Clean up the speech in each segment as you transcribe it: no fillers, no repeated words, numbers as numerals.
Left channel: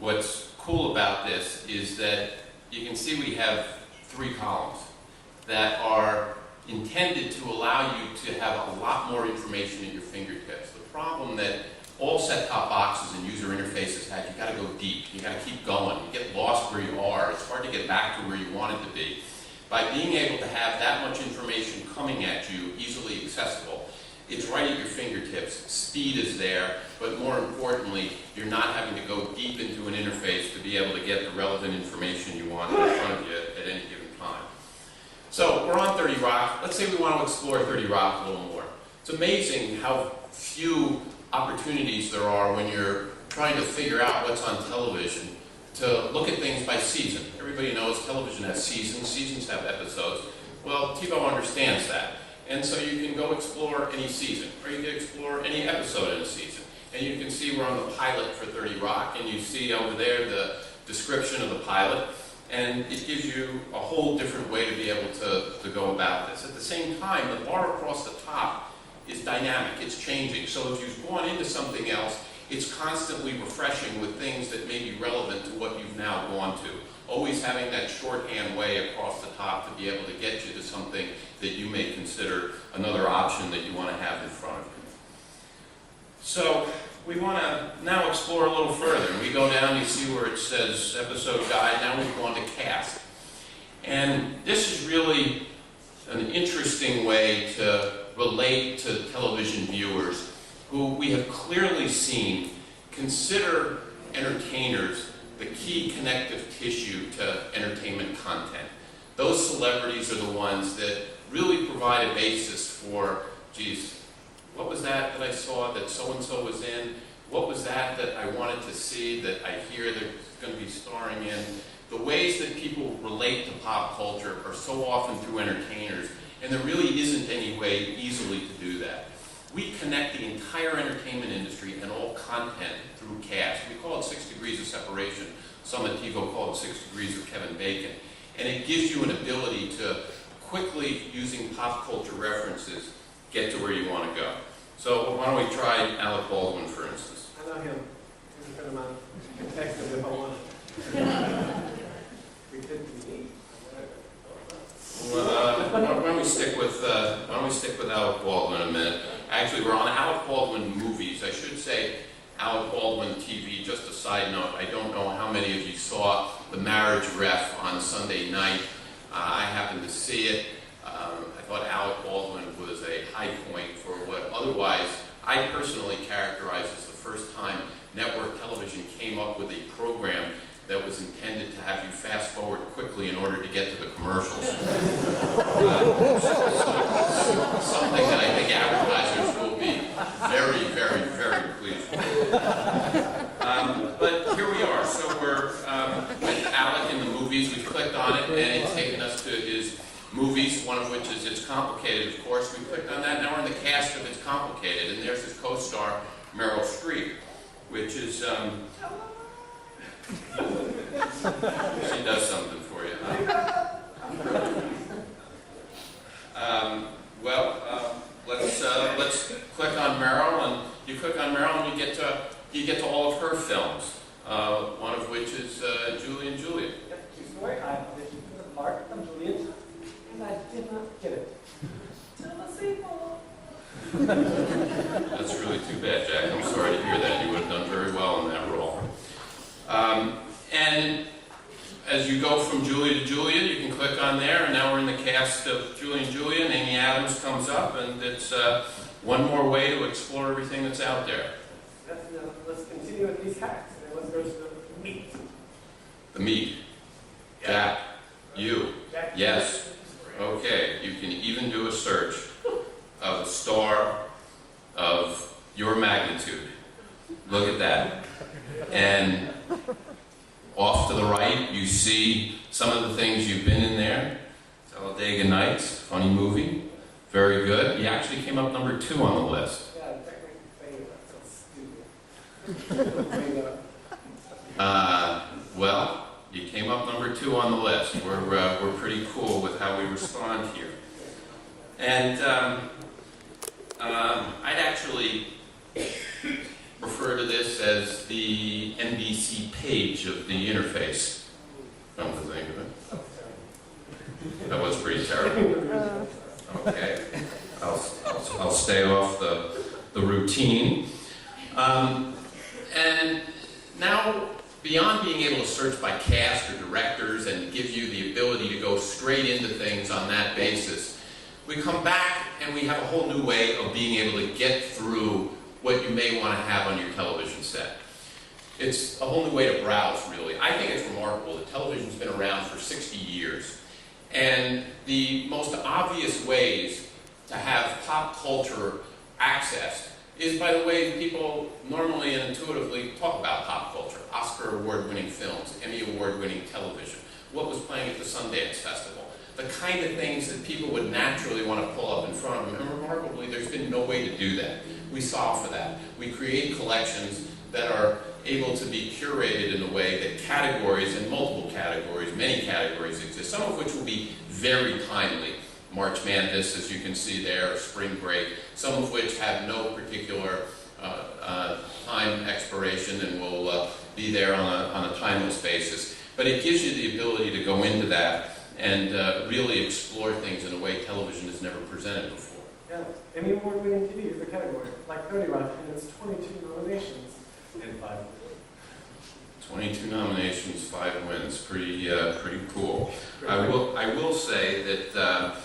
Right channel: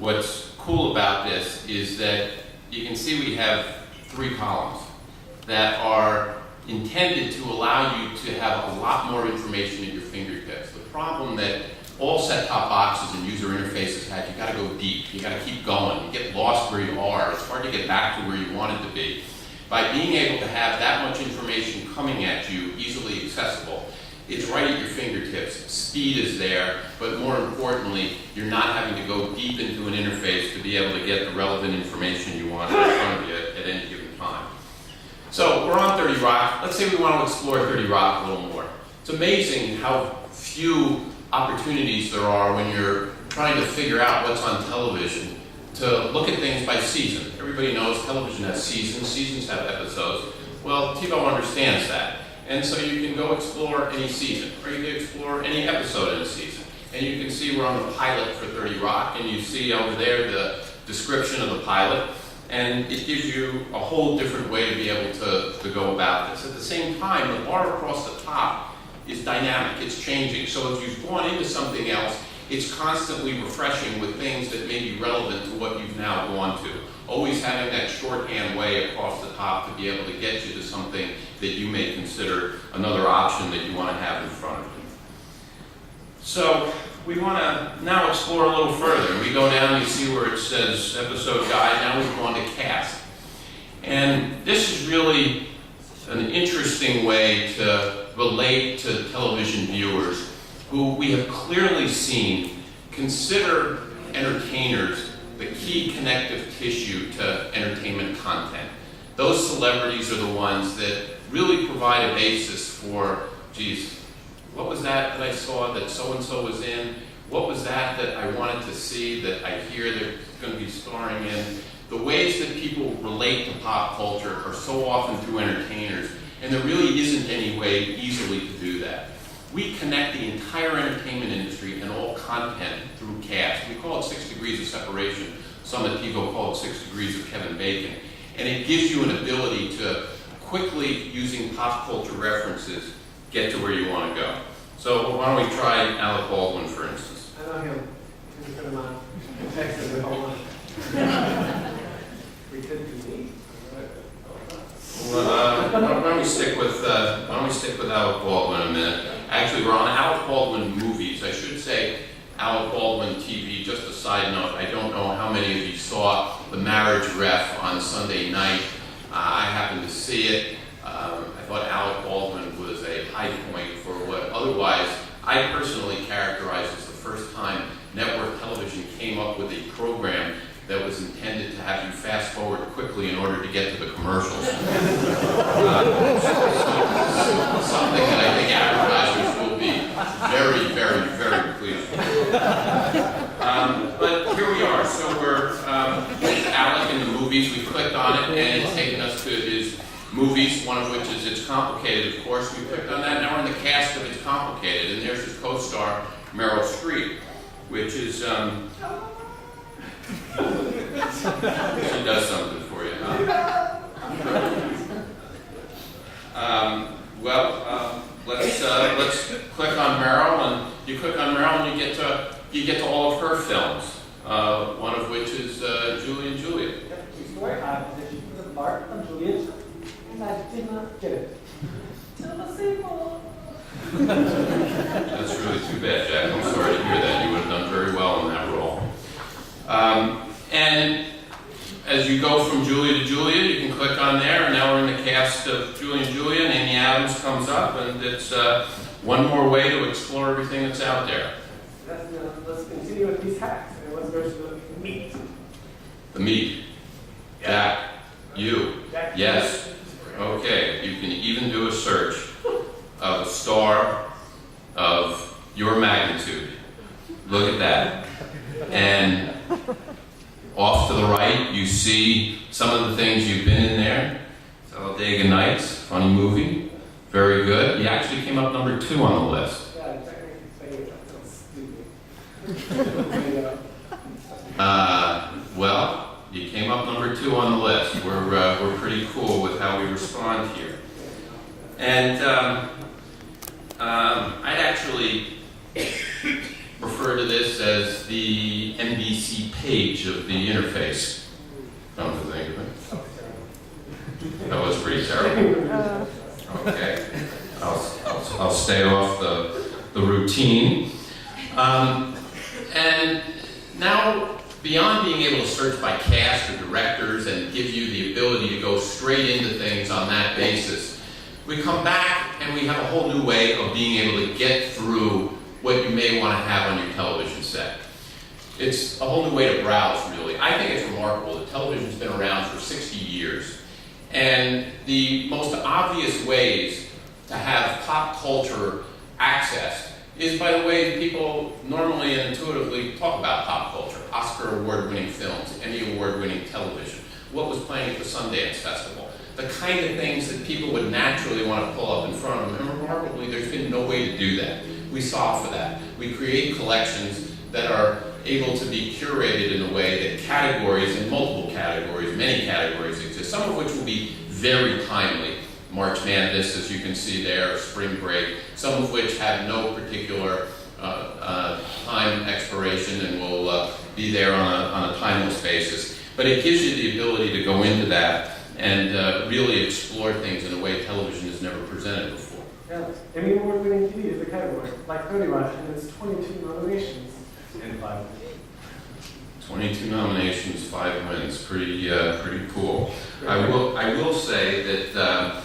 what's cool about this is that you can see we have 3 columns that are intended to allow you to have a lot more information at your fingertips. The problem that all set-top boxes and user interfaces had, you got to go deep, you got to keep going, you get lost where you are, it's hard to get back to where you wanted to be. By being able to have that much information coming at you, easily accessible, it's right at your fingertips. Speed is there, but more importantly, you're not having to go deep into an interface to be able to get the relevant information you want in front of you at any given time. So we're on 30 Rock. Let's say we want to explore 30 Rock a little more. It's amazing how few opportunities there are when you're trying to figure out what's on television to look at things by season. Everybody knows television has seasons, seasons have episodes. Well, TiVo understands that. And so you can go explore any season, or you can explore any episode in a season. And you can see we're on the pilot for 30 Rock, and you see over there the description of the pilot, and it gives you a whole different way to be able to go about this. At the same time, the bar across the top is dynamic, it's changing. So if you've gone into something else, it's constantly refreshing with things that may be relevant to what you've now gone to. Always having that shorthand way across the top to be able to get you to something that you may consider another option that you want to have in front of you. So we want to now explore a little further. We go down, you see where it says episode guide, now we've gone to cast. And this is really an interesting way to relate to television viewers who we have clearly seen consider entertainers the key connective tissue to entertainment content. Those celebrities are the ones that really provide a basis for, geez, what was that I saw that so-and-so was in? What was that I wanted to see that I hear they're going to be starring in? The ways that people relate to pop culture are so often through entertainers, and there really isn't any way easily to do that. We connect the entire entertainment industry and all content through cast. We call it 6 degrees of separation. Some at TiVo call it 6 degrees of Kevin Bacon. And it gives you an ability to quickly, using pop culture references, get to where you want to go. So why don't we try Alec Baldwin, for instance. I know him. He's a friend of mine. He texted me about one. We could be me. Well, why don't we stick with Alec Baldwin a minute? Actually, we're on Alec Baldwin movies. I should say Alec Baldwin TV. Just a side note, I don't know how many of you saw The Marriage Ref on Sunday night. I happened to see it. I thought Alec Baldwin was a high point for what otherwise I personally characterize as the first time network television came up with a program that was intended to have you fast forward quickly in order to get to the commercials. Something that I think advertisers will be very, very, very pleased with. But here we are. So we're with Alec in the movies. We clicked on it, and it's taken us to his movies, one of which is It's Complicated, of course. We clicked on that. Now we're in the cast of It's Complicated, and there's his co-star, Meryl Streep, which is... she does something for you, huh? Let's click on Meryl, and you click on Meryl, and you get to all of her films. One of which is Julie and Julia. Yep, true story. I auditioned for the part of Juliet, and I did not get it. Till the sequel. That's really too bad, Jack. I'm sorry to hear that. You would have done very well in that role. And as you go from Julia to Julia, you can click on there, and now we're in the cast of Julie and Julia, and Amy Adams comes up, and it's one more way to explore everything that's out there. Let's continue with these hacks, and let's go to the meat. The meat. Yeah. Jack, you. Jack, Yes. Okay, you can even do a search of a star of your magnitude. Look at that. And off to the right, you see some of the things you've been in there. Talladega Nights, funny movie. Very good. You actually came up number 2 on the list. Yeah, technically saying that sounds stupid. Well, you came up number 2 on the list. We're pretty cool with how we respond here. And I'd actually refer to this as the NBC page of the interface. Come to think of it. That was pretty terrible. Okay, I'll stay off the routine. And now, beyond being able to search by cast or directors and give you the ability to go straight into things on that basis, we come back and we have a whole new way of being able to get through what you may want to have on your television set. It's a whole new way to browse, really. I think it's remarkable that television's been around for 60 years. And the most obvious ways to have pop culture accessed is by the way people normally and intuitively talk about pop culture. Oscar award-winning films, Emmy award-winning television, what was playing at the Sundance Festival, the kind of things that people would naturally want to pull up in front of them. And remarkably, there's been no way to do that. We solve for that. We create collections that are able to be curated in a way that categories and multiple categories, many categories exist, some of which will be very timely. March Madness, as you can see there, Spring Break, some of which have no particular time expiration and will be there on a timeless basis. But it gives you the ability to go into that and really explore things in a way television has never presented before. Yeah, Emmy award-winning TV is the category, like 30 Rock, and it's 22 nominations and 5 wins. 22 nominations, 5 wins, pretty cool. I will say that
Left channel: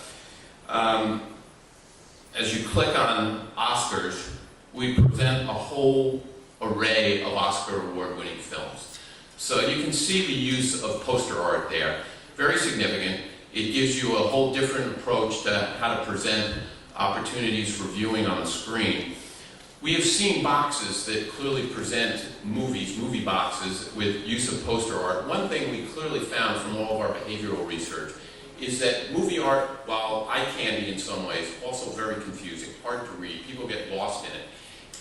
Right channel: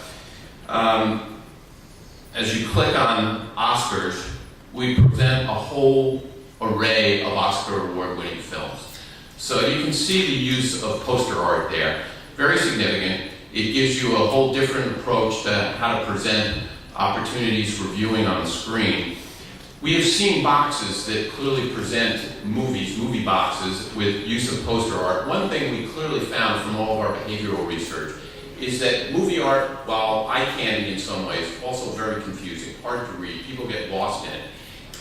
as you click on Oscars, we present a whole array of Oscar award-winning films. So you can see the use of poster art there. Very significant. It gives you a whole different approach to how to present opportunities for viewing on the screen. We have seen boxes that clearly present movie boxes with use of poster art. One thing we clearly found from all of our behavioral research is that movie art, while eye candy in some ways, also very confusing, hard to read. People get lost in it.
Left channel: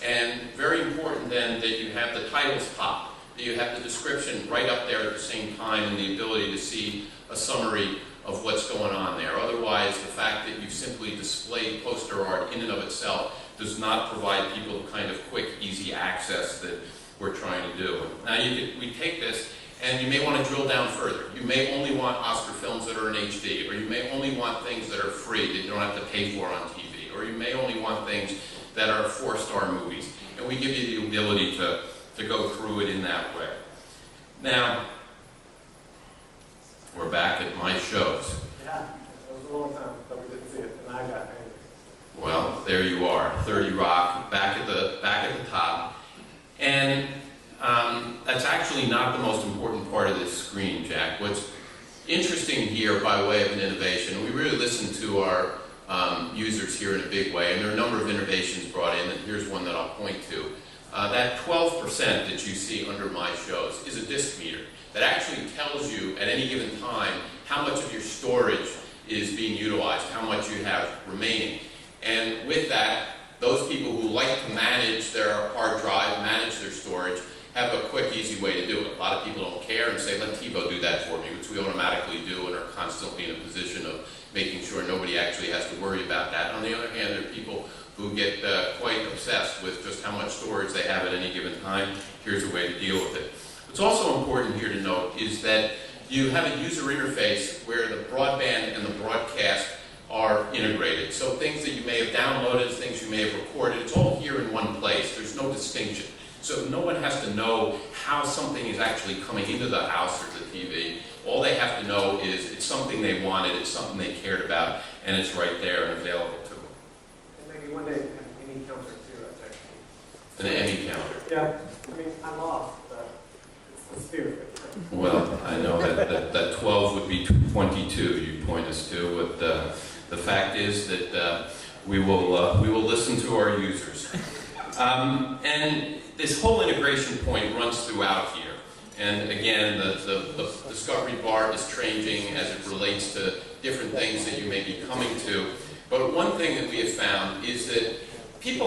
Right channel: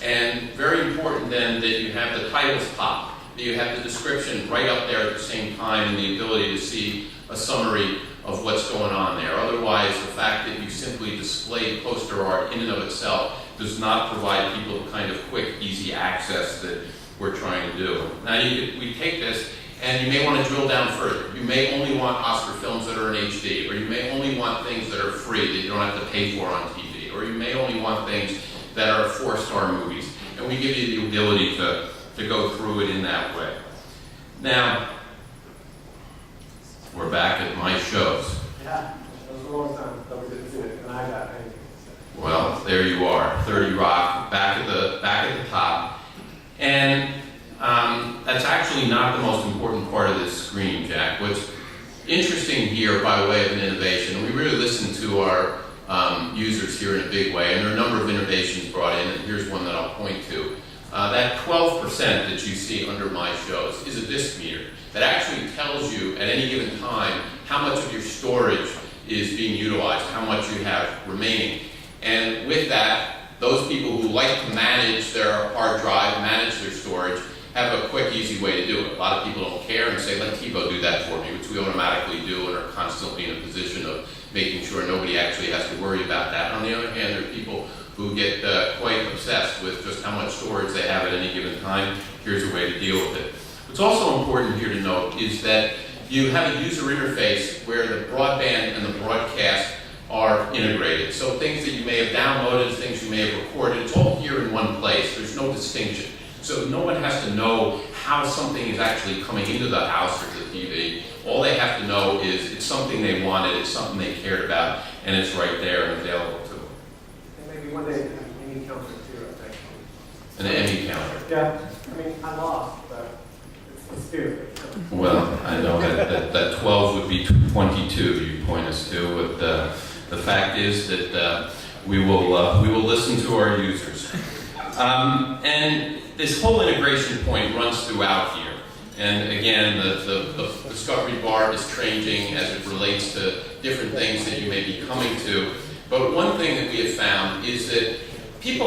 And very important then that you have the titles pop, that you have the description right up there at the same time and the ability to see a summary of what's going on there. Otherwise, the fact that you simply display poster art in and of itself does not provide people the kind of quick, easy access that we're trying to do. Now, we take this, and you may want to drill down further. You may only want Oscar films that are in HD, or you may only want things that are free that you don't have to pay for on TV, or you may only want things that are 4-star movies. And we give you the ability to go through it in that way. Now, we're back at my shows. Yeah, it was a long time that we didn't see it, and I got paid. Well, there you are, 30 Rock, back at the top. And that's actually not the most important part of this screen, Jack. What's interesting here, by way of an innovation, and we really listen to our users here in a big way, and there are a number of innovations brought in, and here's one that I'll point to. That 12% that you see under my shows is a disk meter that actually tells you at any given time how much of your storage is being utilized, how much you have remaining. And with that, those people who like to manage their hard drive, manage their storage, have a quick, easy way to do it. A lot of people don't care and say, let TiVo do that for me, which we automatically do and are constantly in a position of making sure nobody actually has to worry about that. On the other hand, there are people who get quite obsessed with just how much storage they have at any given time. Here's a way to deal with it. What's also important here to note is that you have a user interface where the broadband and the broadcast are integrated. So things that you may have downloaded, things you may have recorded, it's all here in one place. There's no distinction. So no one has to know how something is actually coming into the house or the TV. All they have to know is it's something they wanted, it's something they cared about, and it's right there and available to them. And maybe one day have an Emmy counter too, actually. An Emmy counter. Yeah, I mean, I lost, but it's the spirit that counts. Well, I know that 12 would be 22 you point us to, but the fact is that we will listen to our users. And this whole integration point runs throughout here. And again, the discovery bar is changing as it relates to different things that you may be coming to. But one thing that we have found is that people